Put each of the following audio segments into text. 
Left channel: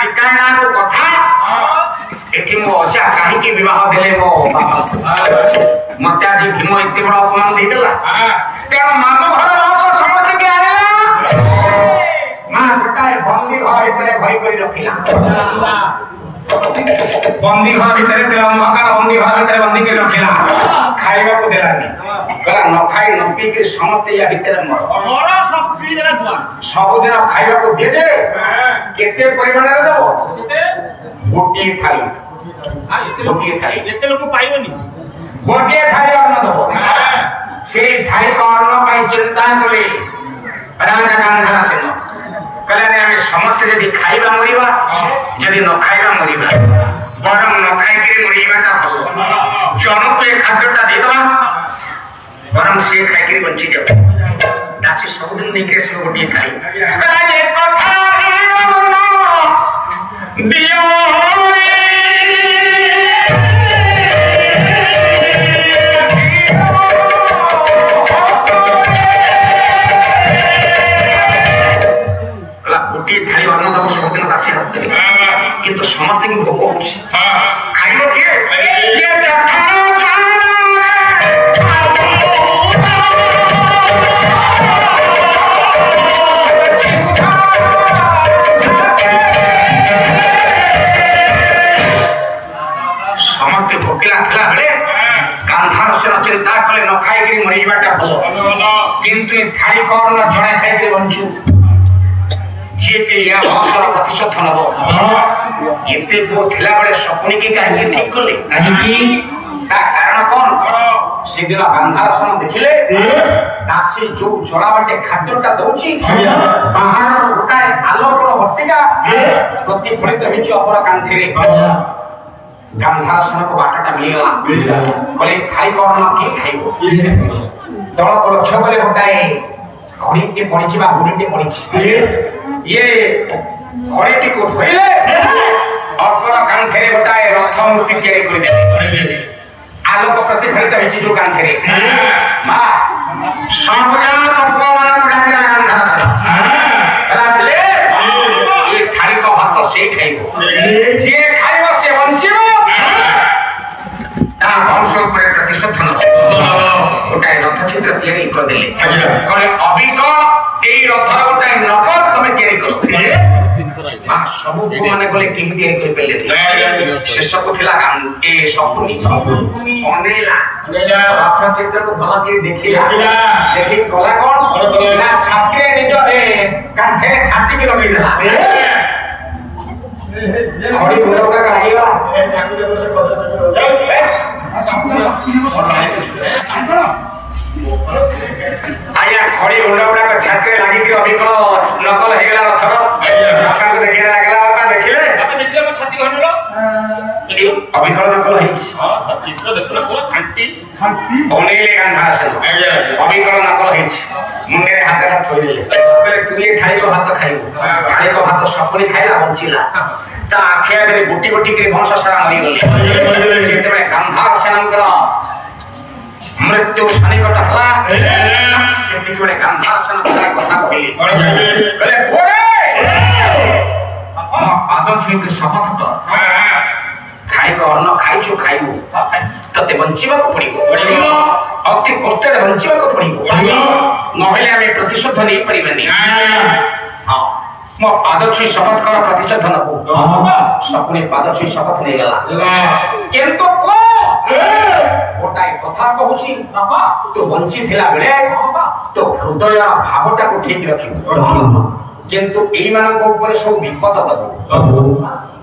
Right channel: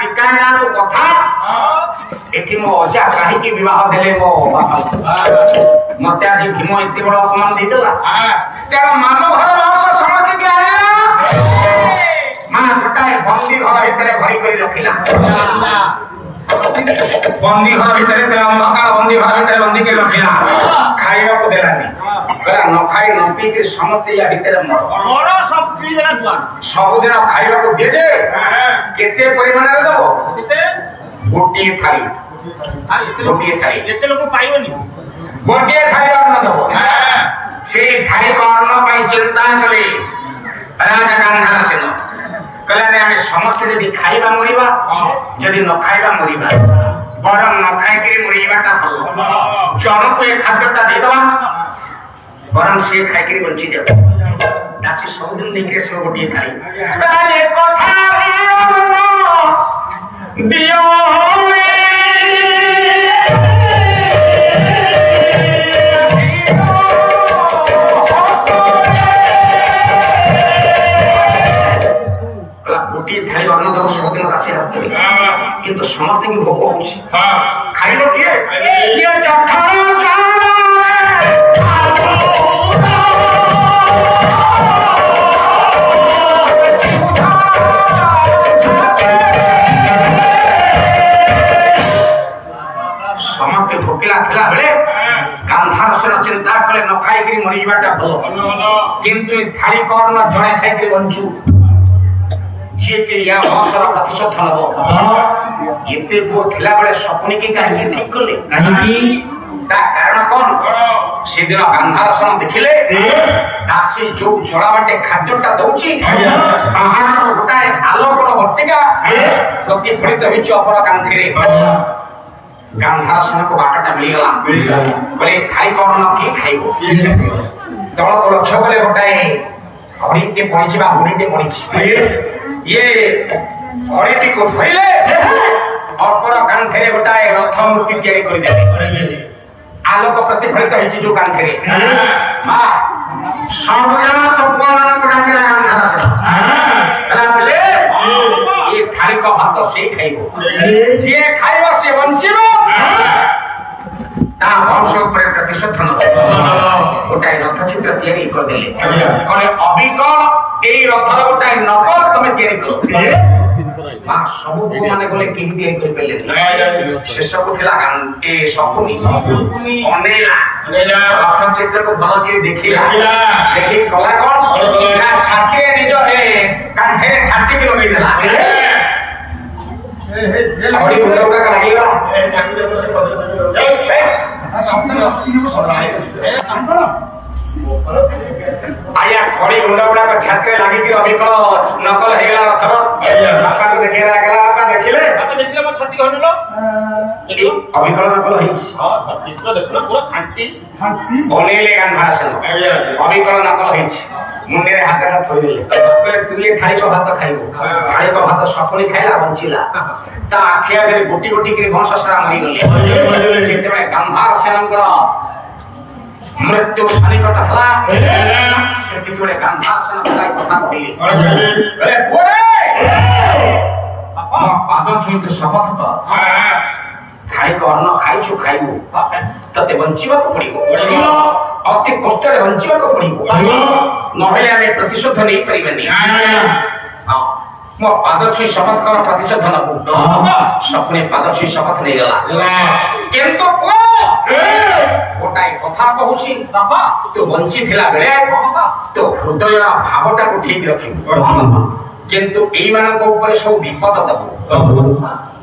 टीका ना कथा एठी मो अजा काहे विवाह देले मो बापा मते आज भीम एते बड़ अपमान दे देला तेरा मामू घर वंश समझ के आले मां बेटा बंदी घर भीतर भरी करी रखिला बंदी घर भीतर अंधकार बंदी घर भीतर बंदी कर रखिला खाइबा को देलानी कहला न खाई न पी के समस्त या भीतर मर सब किड़ी देला दुआ सब दिन खाइबा को दे दे केते परिमाण रे देबो गोटी थाली गोटी थाली एते लोक पाइबनी गोटी थाली अन्न देबो से थाली को अन्न पाई चिंता कले राजा गांधार सेन कहला ने हमें समस्त यदि खाइबा मरिबा यदि न खाइबा मरिबा बरम न खाइ के मरिबा ता भलो जन को एक खाद्यटा दे दबा बरम से खाइ के बंची जाओ दासी सब दिन देख के सब गोटी खाई कहला ये कथा दियो गोटे थाली अन्न दब सब दिन दासी रखते किंतु समस्त की भोग होची खाइलो किए ये समस्त भोकिला खिला बेले गांधार से न चिंता करे न खाई करी मरी जाटा भलो किंतु ये थाली कर्ण जणे खाई करी बंचू जे के या वंशर प्रतिशोध नबो एते को थिला बळे सपने की काहे ठीक करले काहे ता कारण कोन से दिन गांधार सन देखिले दासी जो जड़ा बाटे खाद्यटा दउची बाहर गोटाए आलोकर बत्तिका प्रतिफलित होइछ अपर कांथिरे गांधार सन को बाटाटा मिली गला बोले खाई करन की खाइबो तळ को लक्ष्य बोले गोटाए घड़ी के पड़ीची बा बुढ़ी के पड़ीची ये घड़ी को धोइले अपर कांथेरे गोटाए रथ मूर्ति तैयारी कर दे आलोक प्रतिफलित होइची जो कांथेरे मां सबजा तत्व मान पड़ा के गांधार से ले ये थाली को भात से खाइबो जे खाइबो से वंचिबो ता वंश ऊपर प्रतिशोध न गोटाए रथ चित्र तैयारी कर देले कहले अभिक एई रथर गोटाए नकल तमे तैयारी करो मां सब को माने बोले केही तैयारी कर पेले शेष को थिला ए सपुनी अनेला रथ चित्र को भला के देखिला देखि कला कोन ना छाती निज ए कांथे छाती के लगी देला घड़ी गुंडा गुंडा का लागीला आया घड़ी गुंडा गुंडा का छाती लागी कि अभी को नकल हे गेला रथर आपन को देखिला लागला आपन देखिले मो छाती हनलो अभी को नकल हे हां चित्र देखला को खांटी बनेले गांधार से अभी को नकल हे मुंडे रे हाथ का थोई देले कहले तू ये थाली को भात खाइबो थाली को भात सपनी खाइला बंचिला ता आखिया गरे गोटी गोटी के वंश सारा मरी गले चित्त में गांधार सेनकर मृत्यु सनिकट हला सेति जोड़े गांधार सेन बताय कथा कहले कहले पोरे पाद छुई के शपथ कर खाई को अन्न खाइछु खाइबो तते बंचिबा को पड़िबो अति कष्ट रे बंचिबा को पड़िबो नहले हमें प्रतिशोध नहीं परिबेनी हां मो पाद छुई शपथ कर प्रतिशोध नबो सपने पाद छुई शपथ नहीं गला किंतु को गोटाई कथा कहूची बाबा तो बंची थिला बेले तो हृदय भावटा को ठीक रखिबो किंतु एई मानक ऊपर सब विपद दबो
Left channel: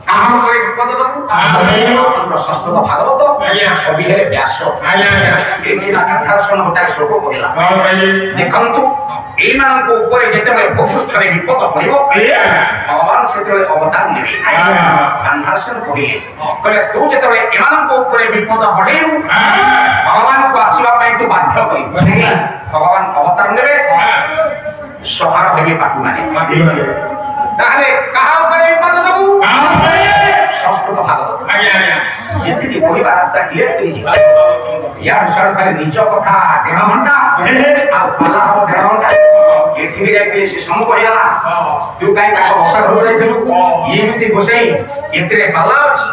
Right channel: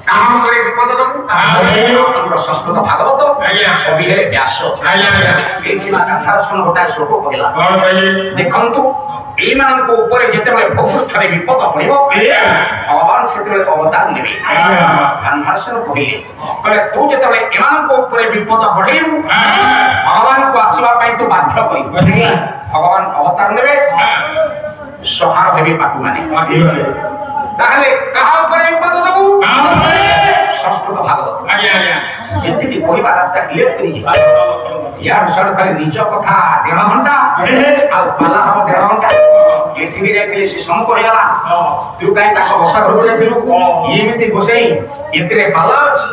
काहन करे विपद दबो संस्कृत भागवत अभिहरे व्यास एई मानक सन गोटाई श्लोक कहला देखंतु एई मानक ऊपर जेते भोगस्थरे विपद पड़िबो भगवान सेते अवतार नेबे गांधार से कहिए कहले तू जेते ए मानक ऊपर विपद पड़ेनु भगवान को आसीबा पई तो बाध्य करी भगवान अवतार नेबे सहारा देवी पाटु माने ताहले कहा ऊपर विपद देबू संस्कृत ଭାଗବତ ଯେତିକି କହିବା ରାସ୍ତା ଇଲେକ୍ଟ୍ରିକ୍ ୟାର ସାଡୁ ଖାଲି ନିଜ କଥା 1.5 ଘଣ୍ଟା ଆଉ ପାଲା ହବ 1.5 ଘଣ୍ଟା ଏଠିକି ଯାଇଥିଲେ ସେ ସମ କହିଗଲା ତୁ କାହିଁ ତାଙ୍କ ବସା ଘରକୁ ଯାଇଥିଲୁ ଏମିତି ଗୋସେଇ ଏଥିରେ ପାଲା ଅଛି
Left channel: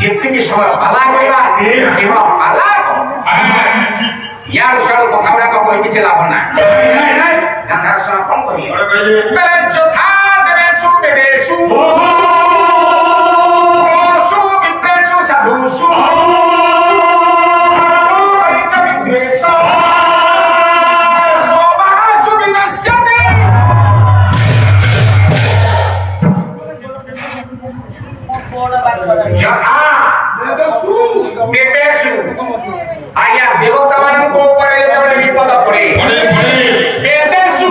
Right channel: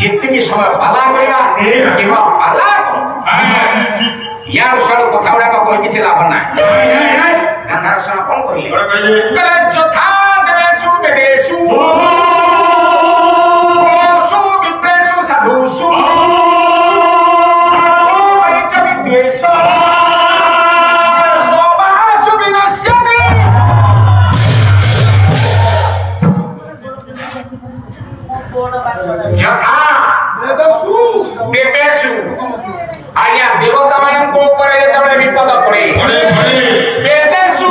ଯେତିକି ସମୟ ପାଲା କରିବା କିମ୍ବା ପାଲା ୟାର ସାଡୁ କଥା ଗୁଡାକ କହି କିଛି ଲାଭ ନାହିଁ ଗାନ୍ଧାର ଶୁଣ କଣ କହିଲେ ଯଥା ଦେବେଶୁ ବେବେଶୁ ସାଧୁଷୁ ଯଥା ଦେବେଶୁ ଆଜ୍ଞା ଦେବତା ମାନଙ୍କ ଉପରେ ଯେତେବେଳେ ବିପଦ ପଡେ ବେଦେଶୁ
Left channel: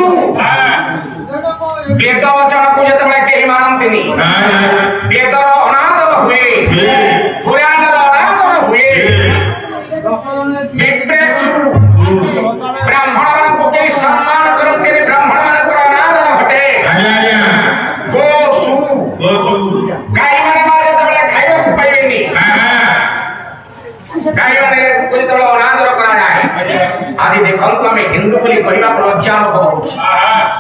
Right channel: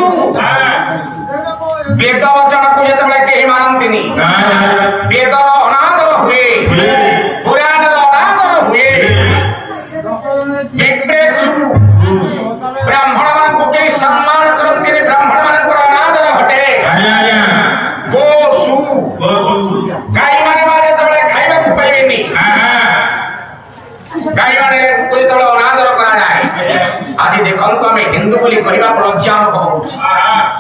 ବେଦ ବଚନକୁ ଯେତେବେଳେ କେହି ମାନନ୍ତିନି ବେଦର ଅନାଦର ହୁଏ ପୁରାଣର ଅନାଦର ହୁଏ ବିପ୍ରେଷୁ ବ୍ରାହ୍ମଣ ମାନଙ୍କୁ କେହି ସମ୍ମାନ କରନ୍ତିନି ବ୍ରାହ୍ମଣ ମାନଙ୍କର ଅନାଦର ଘଟେ ଗୋଷୁ ଗାଈ ମାନେ ଯେତେବେଳେ ଖାଇବାକୁ ପାଇବେନି ଗାଈ ମାନେ ଯେତେବେଳେ ଅନାଦର କରାଯାଏ ଆଜି ଦେଖନ୍ତୁ ଆମେ ହିନ୍ଦୁ ବୋଲି କହିବାକୁ ଲଜ୍ଜା ଅନୁଭବ ହଉଛି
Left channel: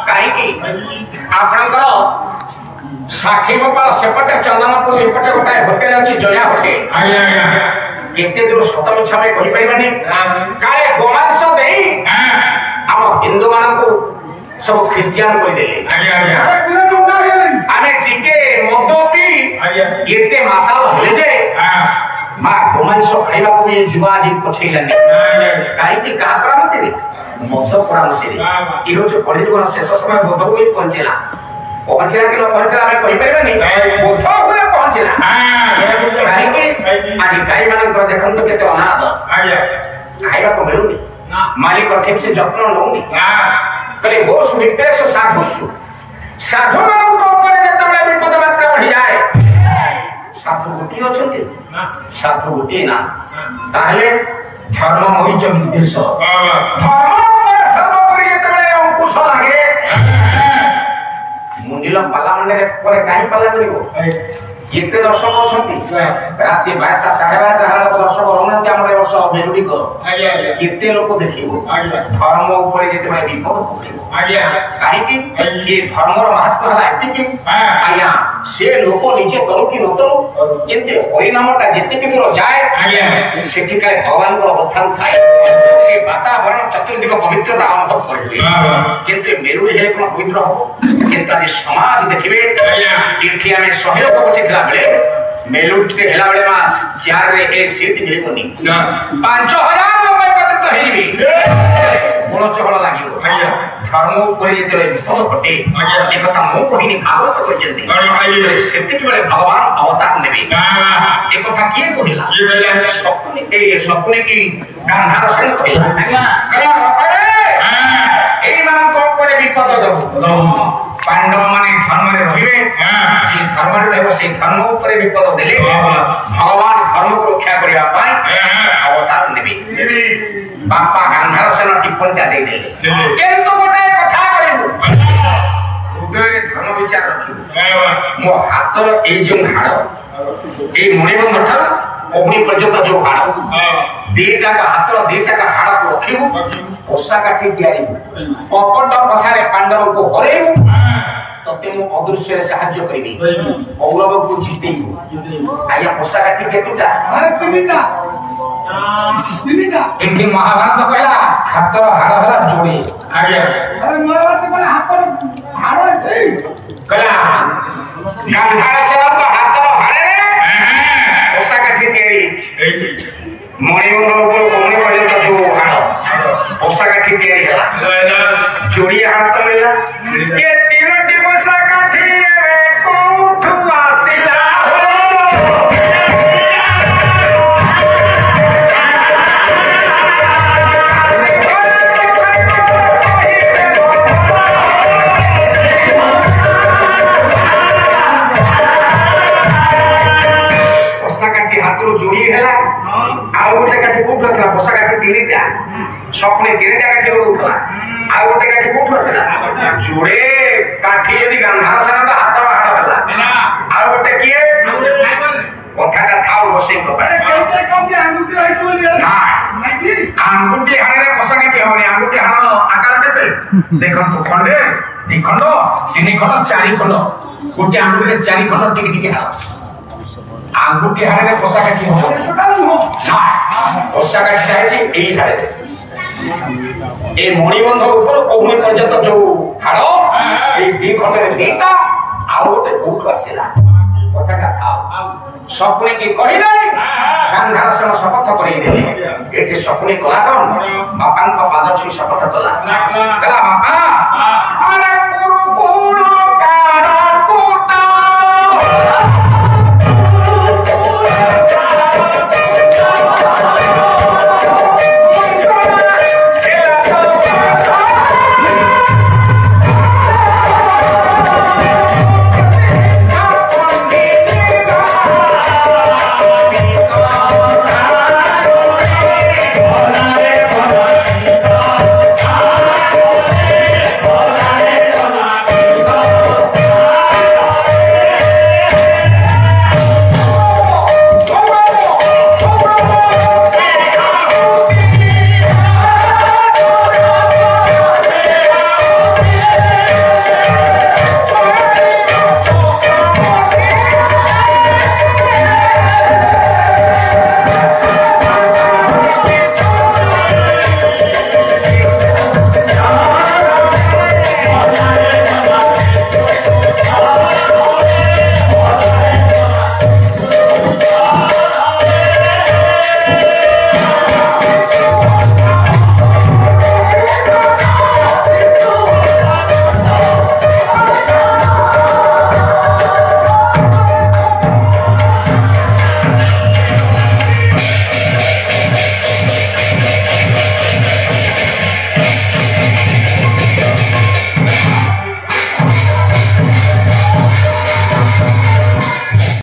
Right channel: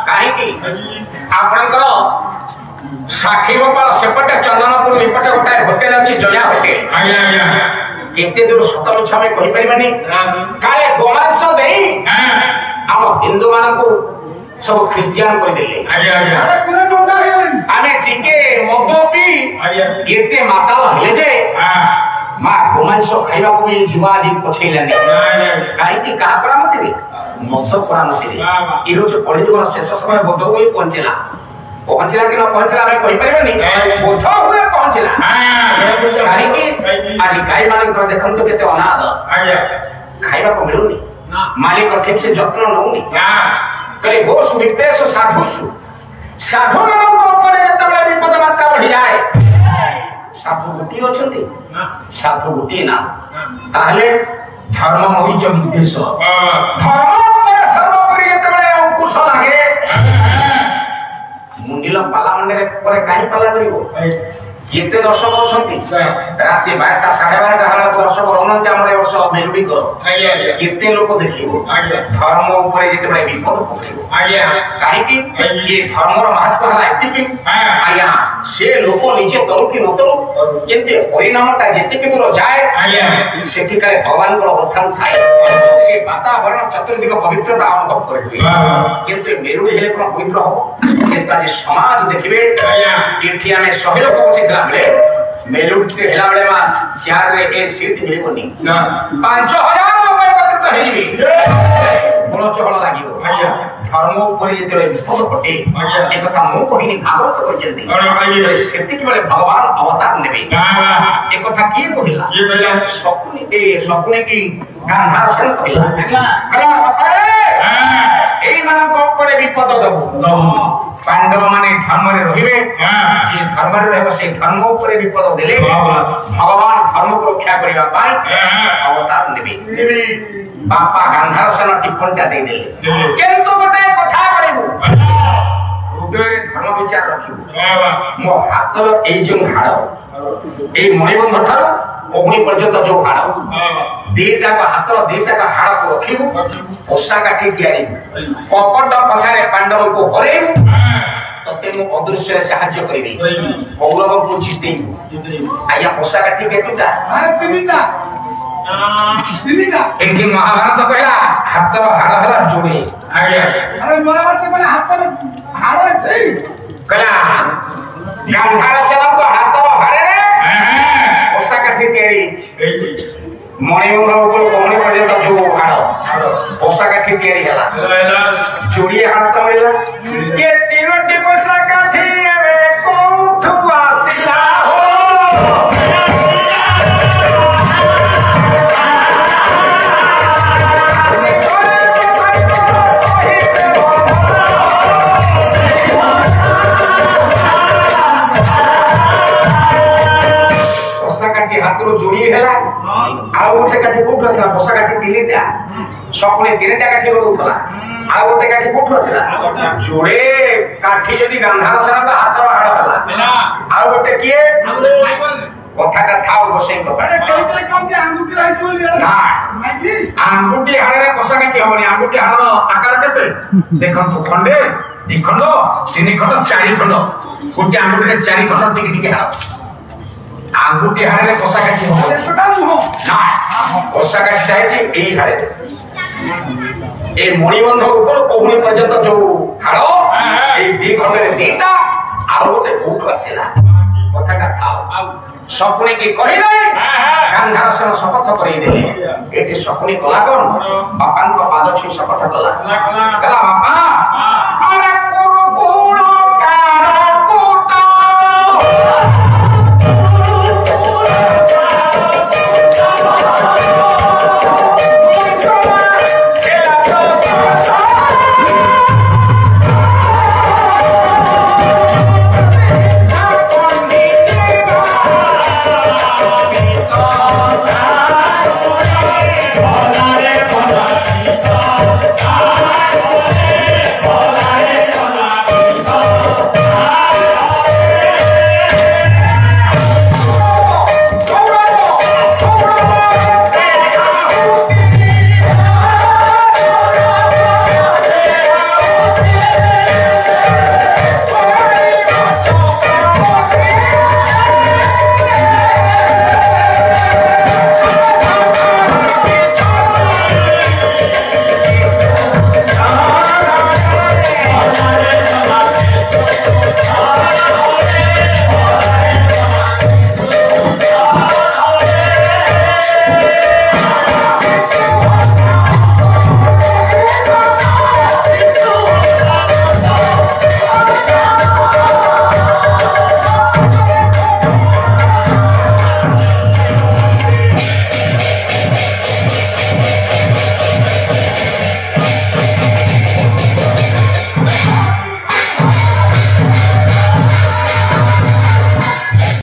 କାହିଁକି ଆପଣଙ୍କର ସାକ୍ଷୀ ଗୋପାଳ ସେପଟେ ଚନ୍ଦନପୁର ଏପଟେ ଗୋଟାଏ ହୋଟେଲ ଅଛି ଜୟା ହୋଟେଲ କେତେ ଦୂର ସତ ମିଛ ଆମେ କହିପାରିବାନି କାଳେ ଗୋମାଂସ ଦେଇ ଆମ ହିନ୍ଦୁ ମାନଙ୍କୁ ସବୁ ଖ୍ରୀଷ୍ଟିଆନ କରିଦେଲେ ଆମେ ଟିକେ ମଦ ପିଇ ଏତେ ମାତାଲ ହେଲେ ଯେ ମା ଗୋମାଂସ ଖାଇବାକୁ ବି ଯିବା ଆଜି ପଛେଇଲାନି କାହିଁକି କାହା ପରାମତିରେ ମଦ ପରାମତିରେ ଇଏ ହଉଛି କଳିଯୁଗର ଶେଷ ସମୟ ବୋଧ ହୋଇ ପହଞ୍ଚିଲା କିନା ପହଞ୍ଚିଲା ଆମେ କହିପାରିବାନି ବୋଧ ଉପରେ ପହଞ୍ଚିଲା କାହିଁକି ଆଜି ଗାଈ ମାନଙ୍କର ଦେଖନ୍ତୁ କେତେ ଅନାଦ ଖାଇବାକୁ ମିଳୁନି ମାଲିକ ଠିକ ସେ ଯତ୍ନ ନଉନି କହିଲେ ଗୋଷୁ ବିପ୍ରେଷୁ ସାଧୁଷୁ ସାଧୁ ମାନଙ୍କ ଉପରେ ଯେତେବେଳେ ବିପଦ ମାତ୍ରା ବଢିଯାଏ ସାଧୁ ଗୋଟିଏ ଅଛନ୍ତି ସାଧୁ ଗୋଟିଏ ନା ତାହେଲେ ଧର୍ମମୟୀ ବିଦେଶ ସର୍ବୋପରି ଯେତେବେଳେ ଅଙ୍କୁଶ ଲାଗେ ମୁଣ୍ଡିଲ ପାଲା ମଣ୍ଡରେ ପରେ କାହିଁ ପାଲା କରିବ କେତେ ଦର୍ଶକ ଅଛନ୍ତି ରାତି 12ଟା 12:30 ହେଲା ଦର୍ଶକ ରହୁନାହାନ୍ତି ଆମର ଏ ବର୍ଷ ମେରୁଡିକ କେତେ ଲୋକ ଦେଖିବ ଧର୍ମ ଉପରେ ଯେତେବେଳେ ବିପଦ ପକେଇବ କାହିଁକି ଏ ଧର୍ମର ମାହାତ୍ମ ହେଲା ଏତିକି ଆଜ୍ଞା ସେ ଲୋକ ନିଜେ ତରୁ କି ନ ତରୁ କିନ୍ତୁ ପରିଣାମଟା ଯେତିକି ଦୂର ଯାଏ ସେଠି କାଳେ ଭଗବାନଙ୍କର ଅବସ୍ଥାନ ଥାଏ ସେ ବାତାବରଣ ଚତୁର୍ଦିଗ ପବିତ୍ରତା ଅନୁଭବ କରିବେ କିନ୍ତୁ ମେରୁଡି ହେଲେ କଣ ପବିତ୍ର ହବ କିନ୍ତୁ ଆଜି ସମାଜ ଦେଖିବେ ଏଠି ଆମେ 100 ଲୋକ ବସିଥିଲା ବେଳେ ମେଲୁଡିରେ ହେଲା ବେଳେ ମା ଚେୟାରରେ ଏ ସିଟ୍ ମିଳିବନି 5000 ଲୋକ ଏକତ୍ରିତ ହେଇଯିବେ ବଳ ଚହଳ ଲାଗିବ ଧର୍ମ ଉପରେ ଯେତେବେଳେ ବିପଦ ଘଟେ ଏକଥା ମୁଁ କହିନି ଭାଗବତ କହିଛନ୍ତି ସେତିକି ବେଳେ ଭଗବାନ ଅବତାର ନେବେ ଏକଥା କିଏ କହିଲା ଶକୁନି କି ଗାନ୍ଧାର ସେନ କହିଲା ଏଇମାନଙ୍କ ଉପରେ ବିପଦ ଦବୁ ପାଣ୍ଡବ ମାନେ ଧର୍ମରେ ରହିବେ ଯେ ଧର୍ମରେ ରହିବ ସେଇ ଧର୍ମ ଉପରେ ବିପଦ ଦେଲେ ଭଗବାନ ଧର୍ମକୁ ରକ୍ଷା କରିବା ପାଇଁ ଅବତାର ନେବେ ବାପା ଗାନ୍ଧାର ସେନ ଟିପ୍ପଣୀଟା ଦେଇଦେଲେ କିନ୍ତୁ ଗୋଟେ କଥା କରିବୁ ହୃଦୟରେ ଧର୍ମ ବିଚାର ରଖିବୁ ମୋ ହାତର ଏଇ ଯୋଉ ହାଡ଼ ଏଇ ମଣିବନ୍ଧ ଠାରୁ ଅଗ୍ନି ପର୍ଯ୍ୟନ୍ତ ଯୋଉ ହାଡ଼ ଦିଟାକ ହାତର ଦିଟାକ ହାଡ଼କୁ ରଖିବୁ ପୋଷା କାଠି ତିଆରିବୁ କପଟ ପଶାରେ ପାଣ୍ଡବଙ୍କୁ ହରେଇବୁ ତତେ ମୁଁ ଅଦୃଶ୍ୟରେ ସାହାଯ୍ୟ କରିବି କୌରବଙ୍କୁ ଜିତେଇବୁ ଆଜ୍ଞା ପୋଷା କାଠି କେତୁଟା 3ଟା ଏଠି ମହାଭାରତ କହିଲା ହାତର ହାଡ଼ ହେଲା ଯୋଡେ ମହାଭାରତ କହିଲା ହାତର ହାଡ଼ କହିଲା ଗାନ୍ଧାର ସେନଙ୍କ ହାତର ହାଡ଼ରେ ପୋଷା କାଠି ତିଆରି ମଣିବନ୍ଧ ଉପରୁ କୌଣି ପର୍ଯ୍ୟନ୍ତ ଯୋଉ ହାଡ଼ ପୋଷା କାଠି ତିଆରି ହେଲା ଯୋଡିଏ ହାଡ଼ ତ ମିଳିଲା ଏ 3ଟି ପୋଷା କାଠି ଏବେ କୋଉଠୁ ଆସିଲା ହାତରୁ ଯୋଡିଏ ହେଲା ଆଉ ଗୋଟେ କାଠି କୋଉଠୁ ଆସିଲା ପୋଷା କାଠି 3ଟା ସପୁଣି 3ଟା କାଠି ଉଡୁଥିଲା ଆଉ ଗୋଟେ କାଠି କୋଉଠୁ ଆସିଲା ଯୋଡେ କାଠି ଯଦି ଗାନ୍ଧାର ସେନଙ୍କ ହାତର ହାଡ଼ ହେଲା ଆଉ ଗୋଟେ କିଏ बसई अरे कई कम के आंगुठी आइछ बोली ना माइकी आंगुठी हाड़े पसा काटी हबनी आंगुठी हाड़र आकार केते देखंतु खंडे दी खंड तीन खंड चारि खंड गोटे आंगुठी रे चारि खंड टिक टिक हाड़ आंगुठी हाड़े रे पसा काटी हबनी पता नु ना पसा काटी जायछि एई हाड़े ए मणिबंध ऊपर कोहुनी पर्यंत जो हाड़ ए दी खंड रे दीटा आउ गोटे कोठु आसेला कथाटा थाओ सपने की कही नहीं गांधार से शपथ कर सपने कला कौन बापा पाद छुई शपथ कला बापा